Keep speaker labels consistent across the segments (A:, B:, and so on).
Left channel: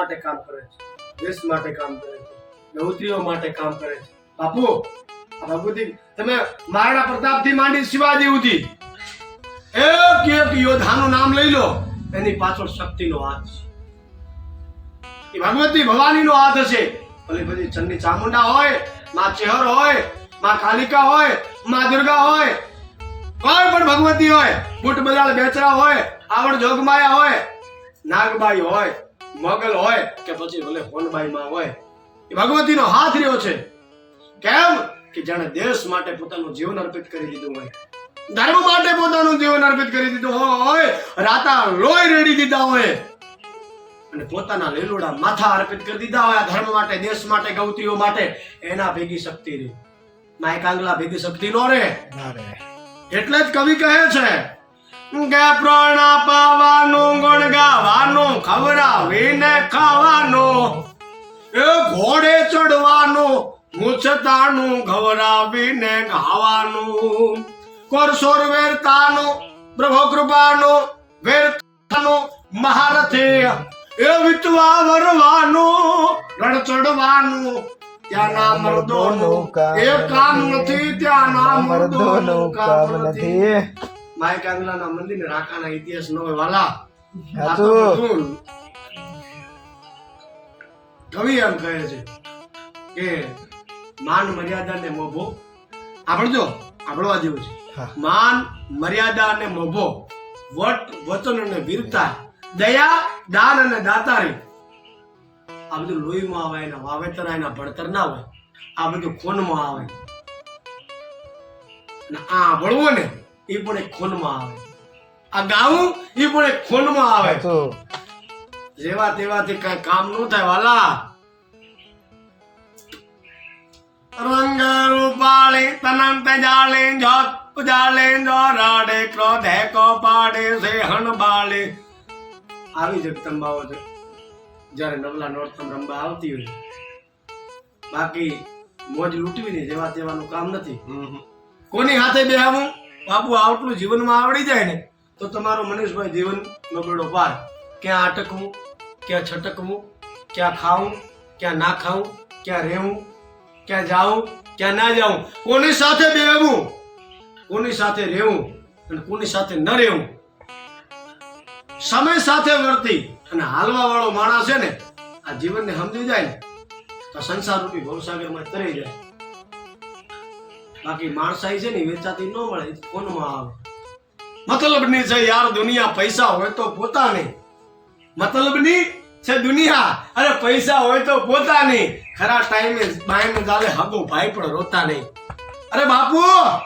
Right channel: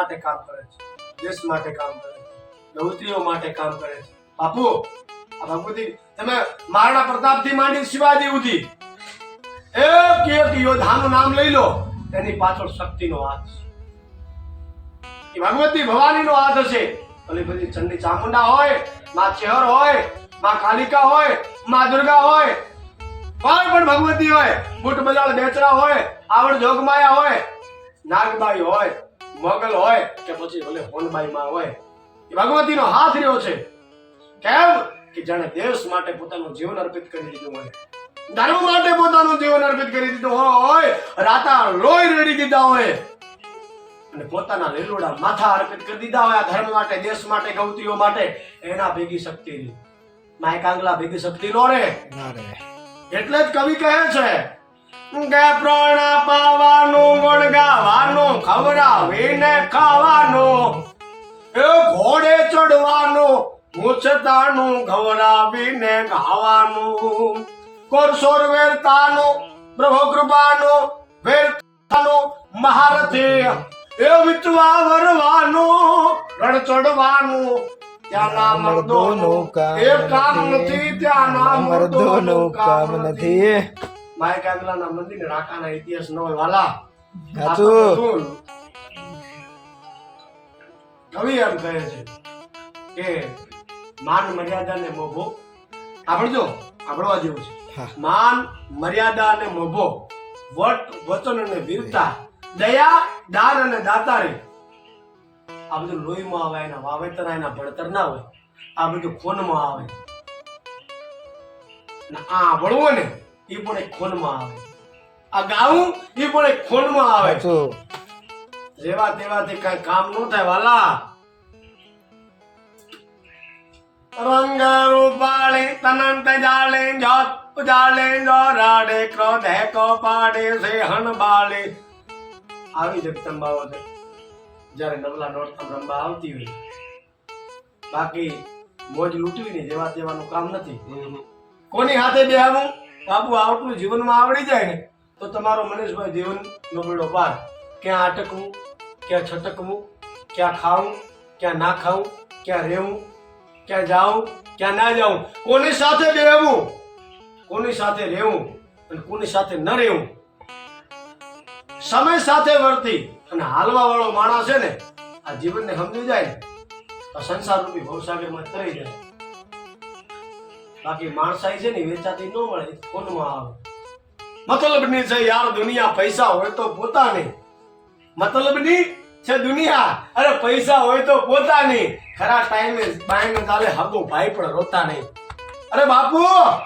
A: માટે કામ કરે છે, દેશ માટે કામ કરે છે ગૌત્રીઓ માટે કામ કરે છે. બાપુ, આ બાપુથી તમે મહારાણા પ્રતાપથી માંડી શિવાજી સુધી. એક એક યોદ્ધાનું નામ લઈ લો, એની પાછળ શક્તિનો હાથ છે. એ ભગવતી ભવાનીનો હાથ હશે. ભલે બધી ચંડી ચામુંડા હોય, માં ચેહર હોય, માં કાલિકા હોય, માં દુર્ગા હોય, કોઈ પણ ભગવતી હોય, બુટ બજાળ બેચરા હોય, આવડ જોગમાયા હોય, નાગબાઈ હોય મોગલ હોય કે પછી ભલે હોનબાઈમાં હોય એ ભગવતીનો હાથ રહ્યો છે. કેમ? કે જાણે દેશ માટે પોતાનું જીવન અર્પિત કરી દીધું હોય. ધર્મ માટે પોતાનું જીવન અર્પિત કરી દીધું હોય. રાતા લોહી રેડી દીધા હોય. અને પોતાના લીલોડા માથા અર્પિત કરી દીધા હોય આ ધર્મ માટે દેશ માટે ગૌતીઓ માટે. એના ભેગી શક્તિ રહી. માય કાંગલા ભેગી શક્તિ નો રે એટલે જ કવિ કહે છે કે પ્રાણા પાવાનું ગુણ ગાવાનું ખવડાવીને ખાવાનું. એ ઘોડે ચડવાનું મૂછતાનું ખવડાવીને ખાવાનું. કોરસોર વેરતાનો પ્રભુ કૃપાનો વેરતાનું મહારથી એ વિતવા વરવાનું રણ ચડવાનું. ત્યાંના મર્દોનું એ કામ નથી ત્યાંના
B: મર્દોનું કામ નથી.
A: માય કાંગલાના મંદિર રાકાના ઇતિહાસ ન હોય વાલા. કવિ એમ કહે છે કે માન મર્યાદા ને મોભો સાંભળજો સાંભળવા જેવું છે. માન મર્યાદા અને મોભો વટ વચન અને વીરતા દયા દાન અને દાતારી. આ બધું લોહીમાં આવે એના વાવેતર એના ભણતર ના હોય. આ બધું કોનમાં આવે. આ ભણવું ને એ પણ એક ખૂનમાં આવે. આ ગાવું એ પણ એક ખૂનમાં આવે. જેવા તેવાથી કઈ કામનું થાય વાલા. રંગ રૂપાળે તનંત જાળે જોત જાળે જો રાડે ક્રોધે કો પાડે સે હણ બાળે. આવી જગદંબાઓ છે. જ્યારે નવલા નોરતમ રંબા આવતી હોય. બાકી મોજ લૂંટવીને જેવા તેવાનું કામ નથી. કોની હાથે બેહાવું? બાપુ આટલું જીવનમાં આવડી જાય ને, તો તમારો મનીષભાઈ જીવનનો બેડો પાર ક્યાં અટકવું ક્યાં છટકવું, ક્યાં ખાવું, ક્યાં ના ખાવું, ક્યાં રહેવું, ક્યાં જાવું, ક્યાં ના જાવું. કોની સાથે બેહવું? કોની સાથે રહેવું અને કોની સાથે ન રહેવું? સમય સાથે વર્તી અને હાલવા વાળો માણસ છે ને, આ જીવનને સમજી જાય ને, તો સંસાર રૂપી ભવસાગરમાં તરી જાય. બાકી માણસાઈ છે ને વેચાતી ન મળે કોનમાં આવે. મતલબની છે યાર દુનિયા, પૈસા હોય તો પોતાની. મતલબની છે દુનિયા, અરે પૈસા હોય તો પોતાની. ખરા ટાઈમે બાયને ગાલે હગો, ભાઈ પણ રોતા નહીં. અરે બાપુ,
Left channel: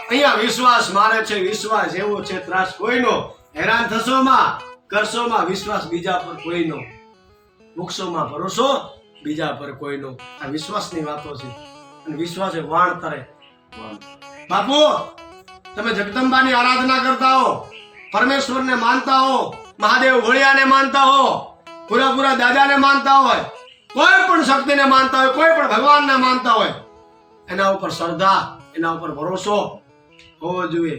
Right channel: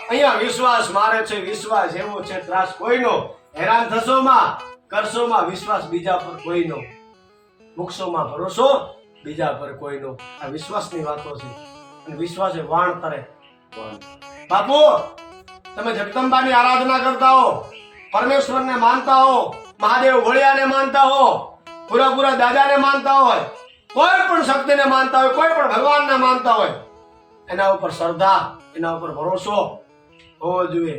A: અહીંયા વિશ્વાસ મારે છે, વિશ્વાસ એવો છે, ત્રાસ કોઈનો. હેરાન થશો માં, કરશો માં વિશ્વાસ બીજા પર કોઈનો. મૂકશોમાં ભરોસો, બીજા પર કોઈનો. આ વિશ્વાસની વાતો છે. અને વિશ્વાસ એ વાણ તરે. બાપુ, તમે જગદંબાની આરાધના કરતા હો, પરમેશ્વરને માનતા હો, મહાદેવ ઘોડિયાને માનતા હો પૂરા પૂરા દાદાને માનતા હોય, કોઈ પણ શક્તિને માનતા હોય, કોઈ પણ ભગવાનને માનતા હોય, એના ઉપર શ્રદ્ધા, એના ઉપર ભરોસો હોવો જોઈએ.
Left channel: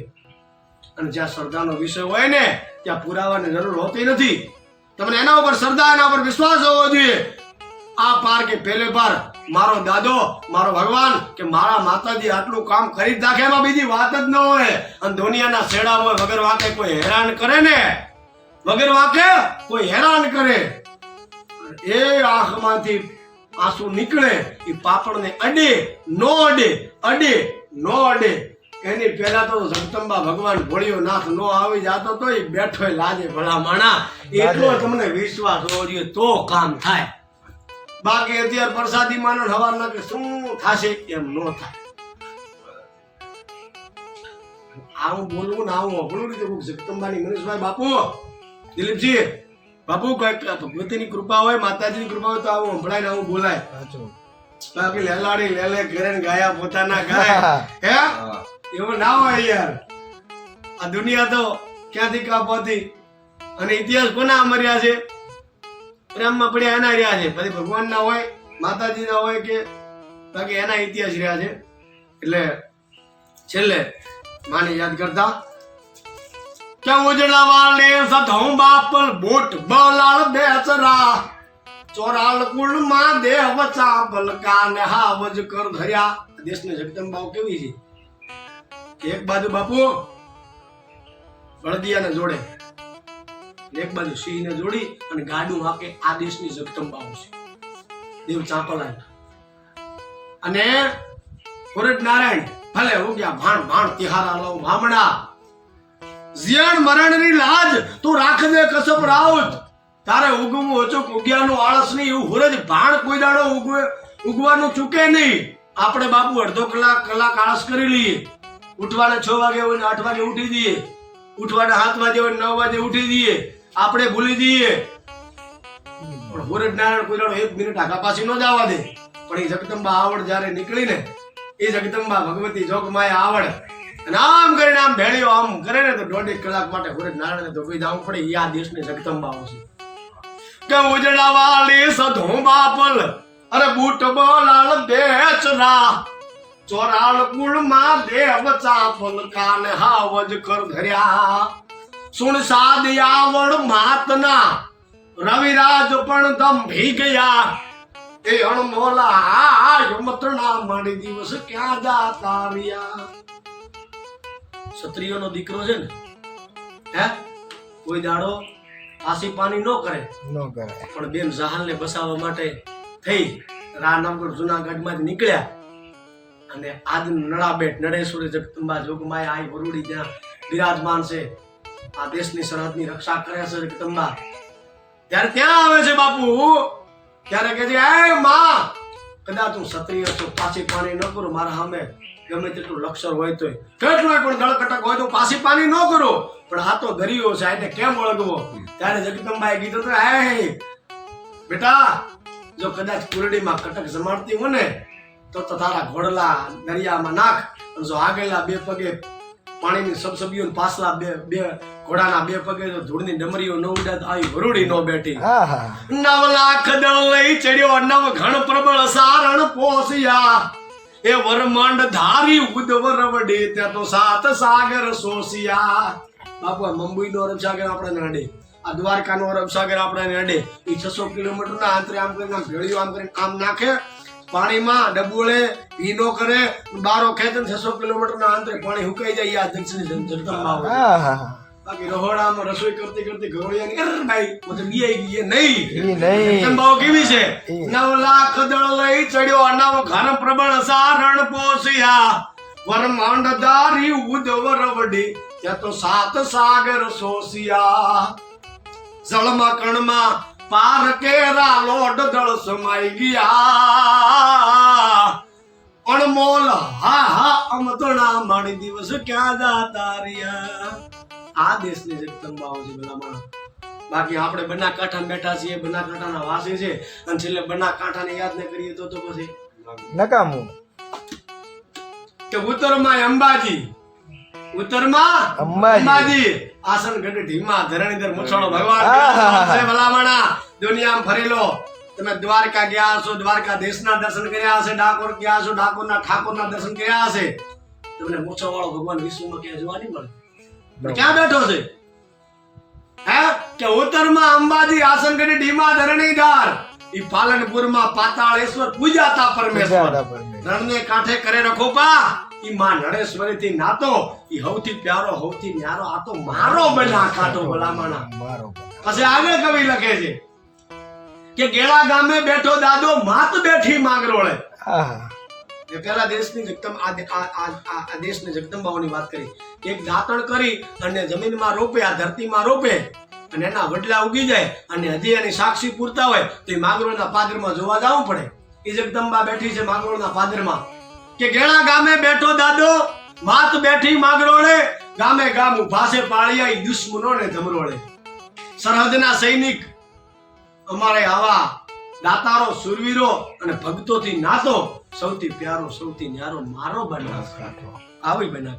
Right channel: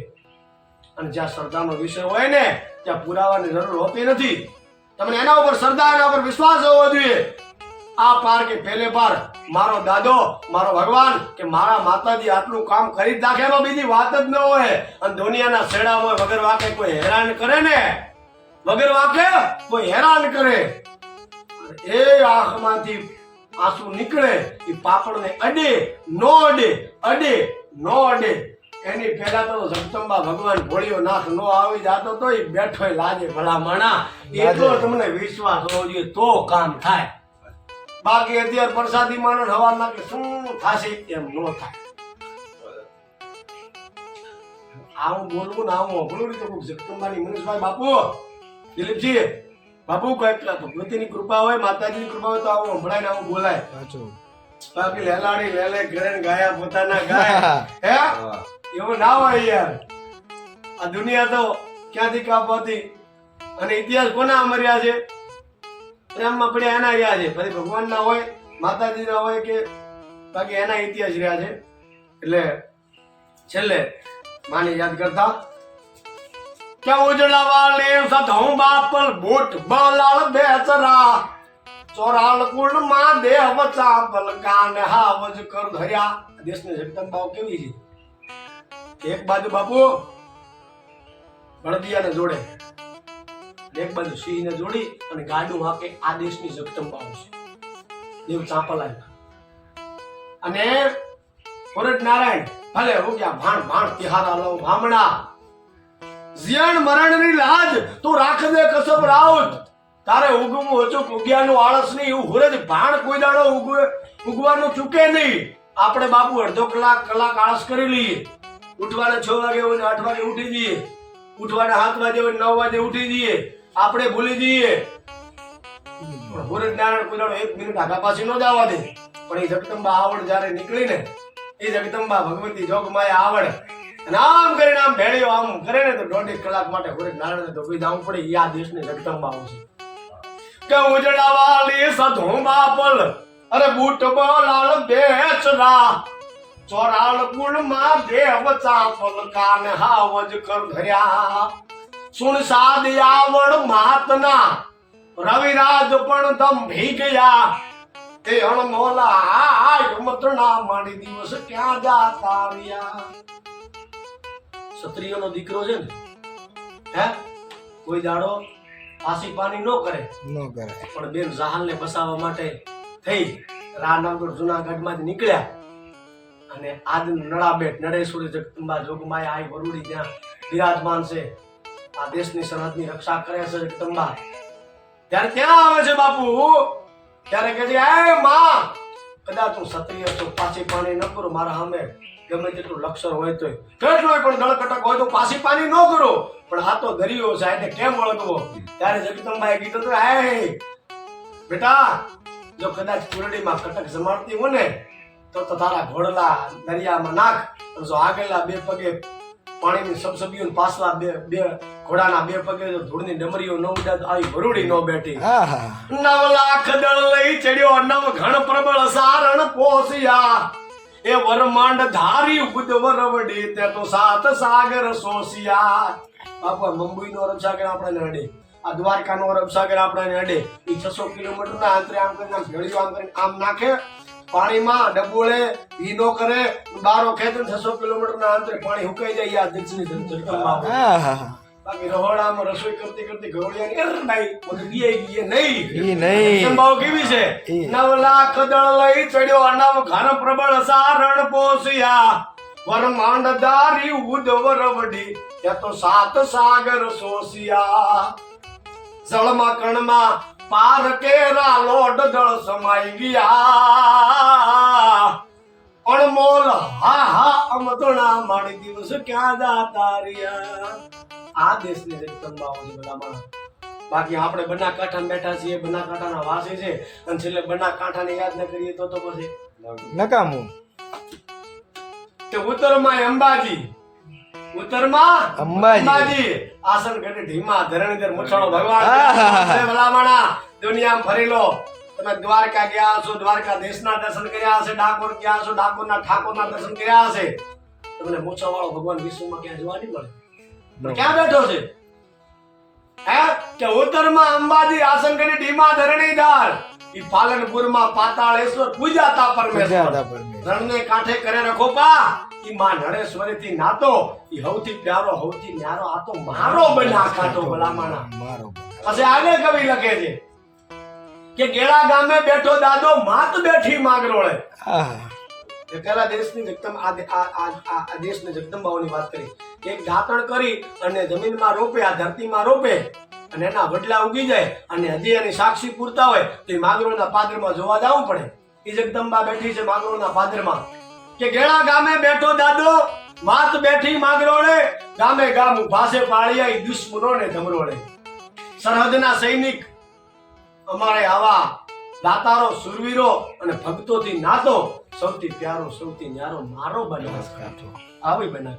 A: અને જ્યાં શ્રદ્ધાનો વિષય હોય ને, ત્યાં પુરાવાની જરૂર હોતી નથી. તમને એના ઉપર શ્રદ્ધા, એના ઉપર વિશ્વાસ હોવો જોઈએ. આ પાર કે પેલે પાર મારો દાદો મારો ભગવાન કે મારા માતાજી આટલું કામ કરી નાખે એમાં બીજી વાત જ ન હોય. અને દુનિયાના છેડા હોય વગર વાકે કોઈ હેરાન કરે ને? વગર વાકે કોઈ હેરાન કરે? એ આંખમાંથી આંસુ નીકળે એ પાપડને અડે નો અડે અડે નો અડે. એની પહેલા તો જગદંબા ભગવાન ભોળિયો નાથ નો આવી જાતો તો એ બેઠો લાજે ભલા માણા એટલો તમને વિશ્વાસ હોવો જોઈએ તો કામ થાય. બાકી અત્યારે પ્રસાદી માનો હવાના કે શું થશે એમ ન થાય. આવું બોલવું ને આવું અભળું રીતે કોક જગદંબાની મનીષભાઈ બાપુ દિલીપજી બાપુ કંઈક ભગવતીની કૃપા હોય માતાજીની કૃપા હોય તો આવું સંભળાય ને આવું બોલાય. બાકી લેલાડી લેલે ઘરે ગાયા પોતાના ગાય. હે? એવું ના હોય યાર. આ દુનિયા તો ક્યાંથી કાપવાથી અને ઇતિહાસ કોના અમર્યા છે? પ્રેમમાં પડ્યા એના રહ્યા છે. પછી ભગવાન ના હોય માતાજી ના હોય કે બાકી એના ઇતિહાસ રહ્યા છે. એટલે છેલ્લે માને યાદ કરતા, કે ઉજળા વાળે સધો બાપલ બોટ બલાળ બેસરા, ચોરાલ કુળમાં દેહ વચા પલકા ને હાવજ કર ધર્યા. દેશની જગદંબાઓ કેવી છે? એક બાજુ બાપુ, બળદિયાને જોડે. એક બાજુ સિંહને જોડી અને ગાડું હાકે આ દેશની જગદંબાઓ છે દેવ ચાંપલાય અને ભરત નારાયણ, ભલે હું ગયા ભાણ ભાણ તિહારા લઉં ભામણા જીયણ મરણની લાજ તું રાખ દે કસબ રાઉત. તારે ઉગવું ઓછું ઉગ્યાનું આળસ નહીં, એવું હુરજ ભાણ કોઈ દાડો ઉગવે, ઉગવાનું ચૂકે નહીં. આપણે બાપુ અડધો કલાક કલાક આળસ કરી લઈએ. ઉઠવાને છ વાગે હોય ને આઠ વાગે ઉઠી જઈએ. ઉઠવાને સાત વાગે હોય નવ વાગે ઉઠી જઈએ. આપણે ભૂલી જઈએ. પણ હુરજ નારાયણ કોઈ એક મિનિટ આગા પાછી ન જવા દે. પણ એ જગદંબા આવડ જ્યારે નીકળી ને એ જગદંબા ભગવતી જોગમાયા આવડ. અને આમ કરીને આમ ભેળ્યો આમ કરે ને તો દોઢેક કલાક માટે હુરજ નારાયણ તો કોઈ જવું પડે. એ આ દેશની જગદંબા આવશે. કે ઉજડા વાલી સધું બાપલ, અરે બૂટ બોલાલ બેચરા. ચોરાળ કુળમાં દેવ ચાપલ કાન હાવજ કર ધર્યા. સુણ સાદ આવડ માતના રવિરાજ પણ દંભી ગયા. એ અણમોલા યમતના માડી દિવસ ક્યાં જાતા રહ્યા? ક્ષત્રિયોનો દીકરો છે ને હે? કોઈ દાડો આસી પાણી ન કરે.
B: ન કરે.
A: પણ બેન જહાલને બસાવવા માટે થઈ રાનગર જ નીકળ્યા. અને આજ નળાબેટ નળેશ્વરી જગદંબા જોગમાયા આઈ વરુડી ત્યાં બિરાજમાન છે. આ દેશની સરહદની રક્ષા કરે છે જગદંબા ત્યારે ત્યાં આવે છે બાપુ. ત્યારે કહે છે એ માં, કદાચ હું ક્ષત્રિય છું, પાછી પાણી ન કરું, મારા સામે ગમે તેટલું લક્ષર હોય તોય. કેટલોય પણ ગળકટક હોય તો પાછી પાણી ન કરો. પણ આ તો દરિયો છે એને કેમ ઓળખવો? ત્યારે જગદંબાએ કીધું તો હે, બેટા, જો કદાચ કુરડીમાં કટક જમાડતી હોય ને, તો તારા ઘોડલા દરિયામાં નાખ જો આગળના બે પગે પાણીની સબસબીઓ પાછલા બે બે ઘોડાના બે પગે તો ધૂળની ડમરીઓ ન ઉડા તો આવી વરુડી ન બેઠી નવ લાખ દળ લઈ ચડ્યો નવ ઘણ પ્રબળ સારણ પોસિયા એ વરમાંડ ધારી ઉદવર વડે ત્યાં તો સાત સાગર સોસિયા બાપુ આ મુંબઈનો અરબ સાગર આપણે નડે આ દ્વારકાનો અરબ સાગર આપણે નડે એ છસો કિલોમીટર ના અંતરે આમ કરીને ભેળ્યું આમ કરીને આમ નાખે પાણીમાં ડબોળે ભીનો કરે બારો ખેંચે છસો કિલોમીટર ના અંતરે પાણી હુકાઈ જાય આ દક્ષિણી જગદંબા બાકી રહોડામાં રસોઈ કરતી કરતી ઘરોળિયાની અર ભાઈ મને બીઆઈ ગઈ નહીં.
B: ઈ નહીં.
A: જગદંબાઓ કેવી છે? નવ લાખ દળ લઈ ચડ્યો અનાવ ઘન પ્રબળ સારણ પોસિયા વરમાંડ દારી ઉદવર વડી ત્યાં તો સાત સાગર સોસિયા જળમાં કણમાં પાર કેરા લોડ દળ સમાઈ ગયા. અણમોલ હા હા અમતણા માણી દિવસ ક્યાં જાતા રહ્યા? આ દેશની તંબાઓ છે બધા માણસ. બાકી આપણે બના કાંઠા બેઠા છીએ બના કાંઠાના વાસી છે અને છેલ્લે બના કાંઠાને યાદ ન કરીએ તો તો પછી
B: નકામું.
A: કે ઉત્તરમાં અંબાજી ઉત્તરમાં
B: અંબાજી.
A: અંબાજી. આસન ગઢ ઢીમા ધરણીધર મુછોડો ભગવાન. ભલામણા. દુનિયામાં ફરી લો. તમે દ્વારકા ગયા હશો દ્વારકા દેશના દર્શન કર્યા હશે ડાકોર ગયા હશો ડાકોરના ઠાકોરના દર્શન કર્યા હશે. તમને મૂછો વાળો ભગવાન વિશ્વમાં ક્યાં જોવા નહીં મળે. ક્યાં બેઠો છે? હે? કે ઉત્તરમાં અંબાજી આસનગઢી ડીમા ધરણીધાર ઈ પાલનપુરમાં પાતાળેશ્વર પૂજાતા પરમેશ્વર. રણને કાંઠે કરે રખો પા. ઈ માં નળેશ્વરી થી નાતો. ઈ હૌથી પ્યારો હૌથી ન્યારો આ તો મારો બના કાતો ભલામણા.
B: મારો
A: પછી આગળ કવિ લખે છે કે ગેળા ગામે બેઠો દાદો માત બેઠી માંગરોળે.
B: આહા.
A: પેલા દેશની જગતમ આ દે- આ- આ- આ- આ જગદંબાઓની વાત કરી. એક દાંતણ કરી અને જમીનમાં રોપે, આ ધરતીમાં રોપે અને એના વડલા ઉગી જાય અને હજી એની સાક્ષી પૂરતા હોય તો એ માગરોળના પાદરમાં જોવા જવું પડે. એ જગદંબા બેઠી છે માગરોળના પાદરમાં. કે ગેળા ગામે બેઠો દાદો, માત બેઠી માગરોળે, ગામે ગામ ઊભા છે પાળિયા દુશ્મનો ને ધમરોળે. સરહદના સૈનિક અમારે આવા દાતારો, સુરવીરો અને ભક્તોથી નાતો સૌથી પ્યારો સૌથી ન્યારો મારો
B: બનાસકાંઠો.
A: આવી બનાસ